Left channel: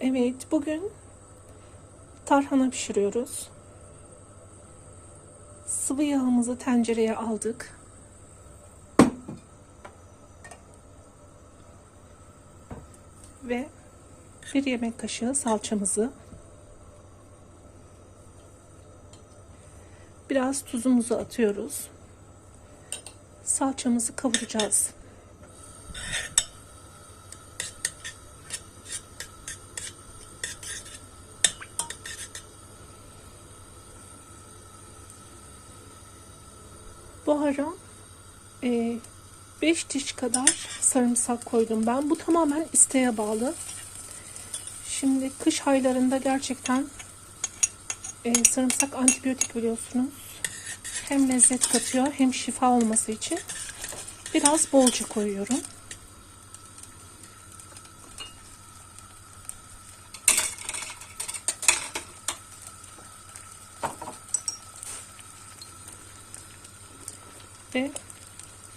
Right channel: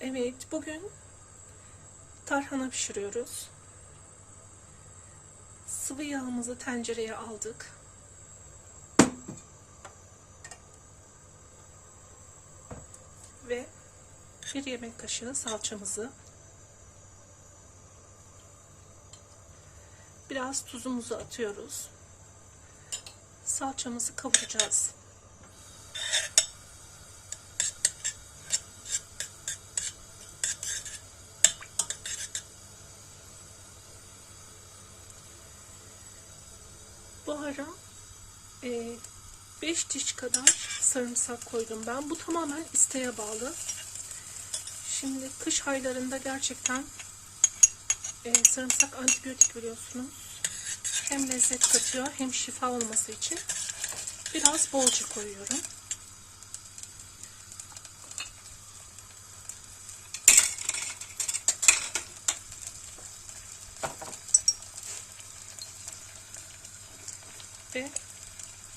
Evet, bugün tarhana pişiriyoruz. Sıvı yağımızı tencereye aldık. Ve bir yemek kaşığı salçamızı biraz tuzumuzu atıyoruz. Salçamızı kavuracağız. Bu ara 5 diş kadar sarımsak koydum ben. Bu tamamen isteğe bağlı. Şimdi kış aylarında gerçekten e, sarımsak antibiyotik biliyorsunuz. Hem lezzet katıyor hem şifa olması için biraz bolca koyuyorum. Ve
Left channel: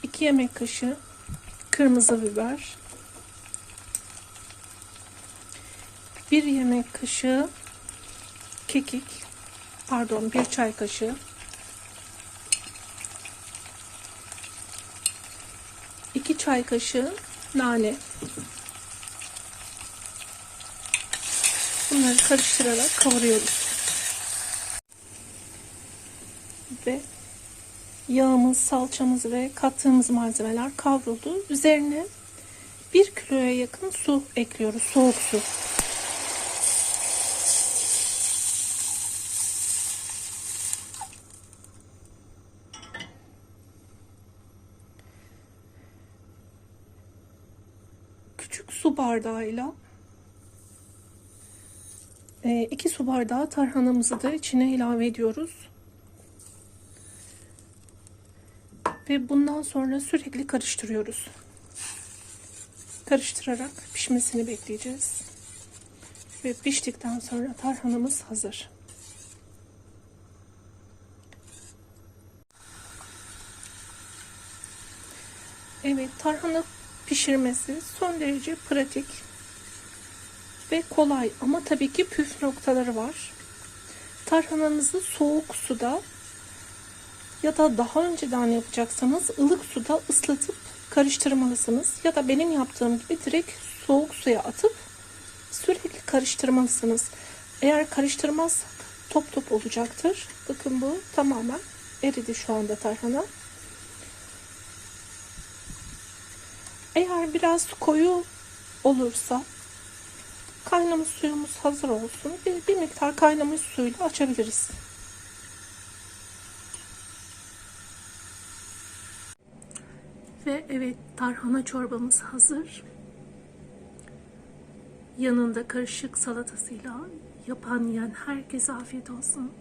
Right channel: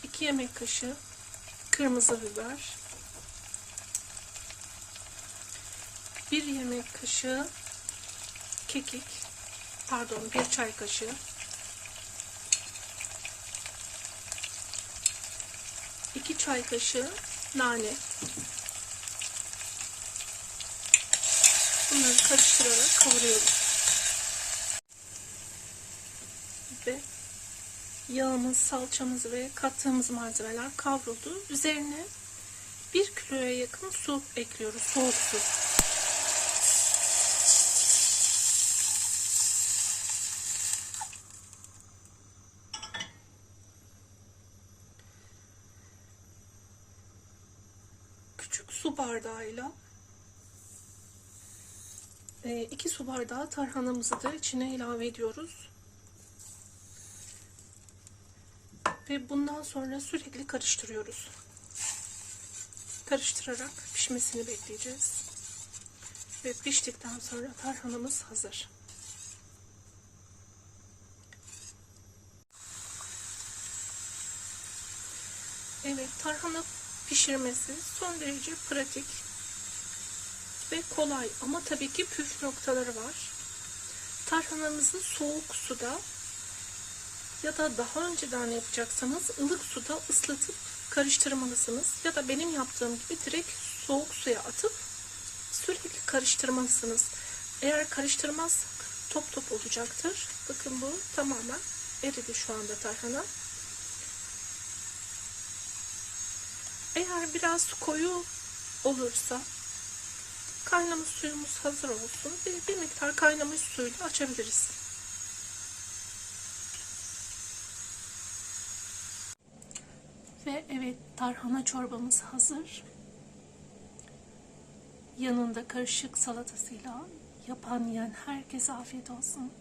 2 yemek kaşığı kırmızı biber. 1 yemek kaşığı kekik. Pardon, 1 çay kaşığı. 2 çay kaşığı nane. Bunları karıştırarak kavuruyoruz. Ve yağımız, salçamız ve kattığımız malzemeler kavruldu. Üzerine 1 kiloya yakın su ekliyoruz. Soğuk su. Küçük su bardağıyla 2 su bardağı tarhanamızı da içine ilave ediyoruz. Ve bundan sonra sürekli karıştırıyoruz. Karıştırarak pişmesini bekleyeceğiz. Ve piştikten sonra tarhanamız hazır. Evet, tarhana pişirmesi son derece pratik ve kolay ama tabii ki püf noktaları var. Tarhananızı soğuk suda ya da daha önceden yapacaksanız ılık suda ıslatıp karıştırmalısınız. Ya da benim yaptığım gibi direkt soğuk suya atıp sürekli karıştırmalısınız. Eğer karıştırmazsak top top olacaktır. Bakın bu tamamen eridi şu anda tarhana. Eğer biraz koyu olursa kaynamış suyumuz hazır olsun. Bir, bir miktar kaynamış suyla açabiliriz. Ve evet tarhana çorbamız hazır. Yanında karışık salatasıyla yapan yiyen herkese afiyet olsun.